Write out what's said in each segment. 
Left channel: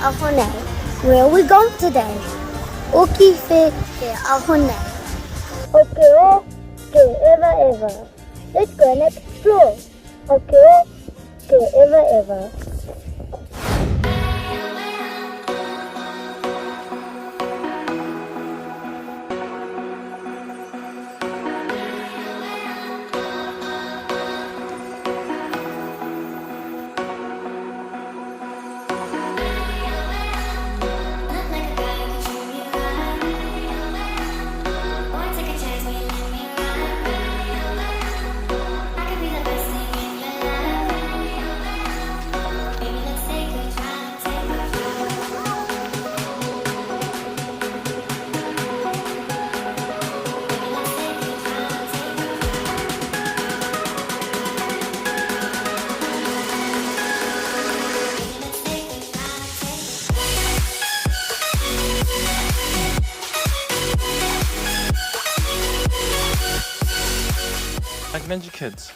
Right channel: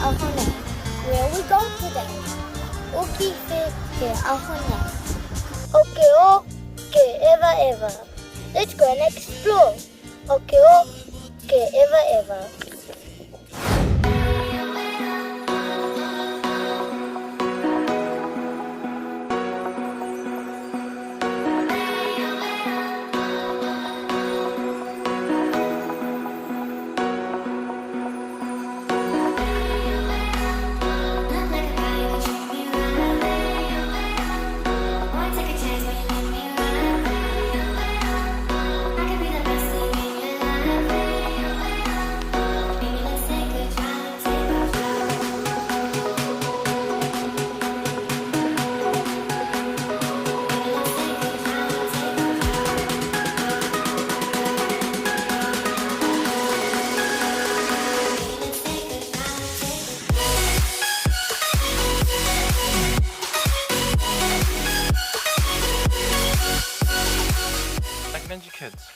ahone. Where are we going today? Oki fe ke ahone. Okay, okay, ever. Let's go and explore. Okay, ever. Recommend your kids.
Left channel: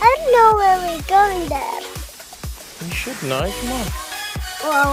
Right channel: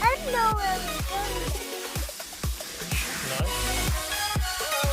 I don't know where we're going there. You should know. Come on. Well,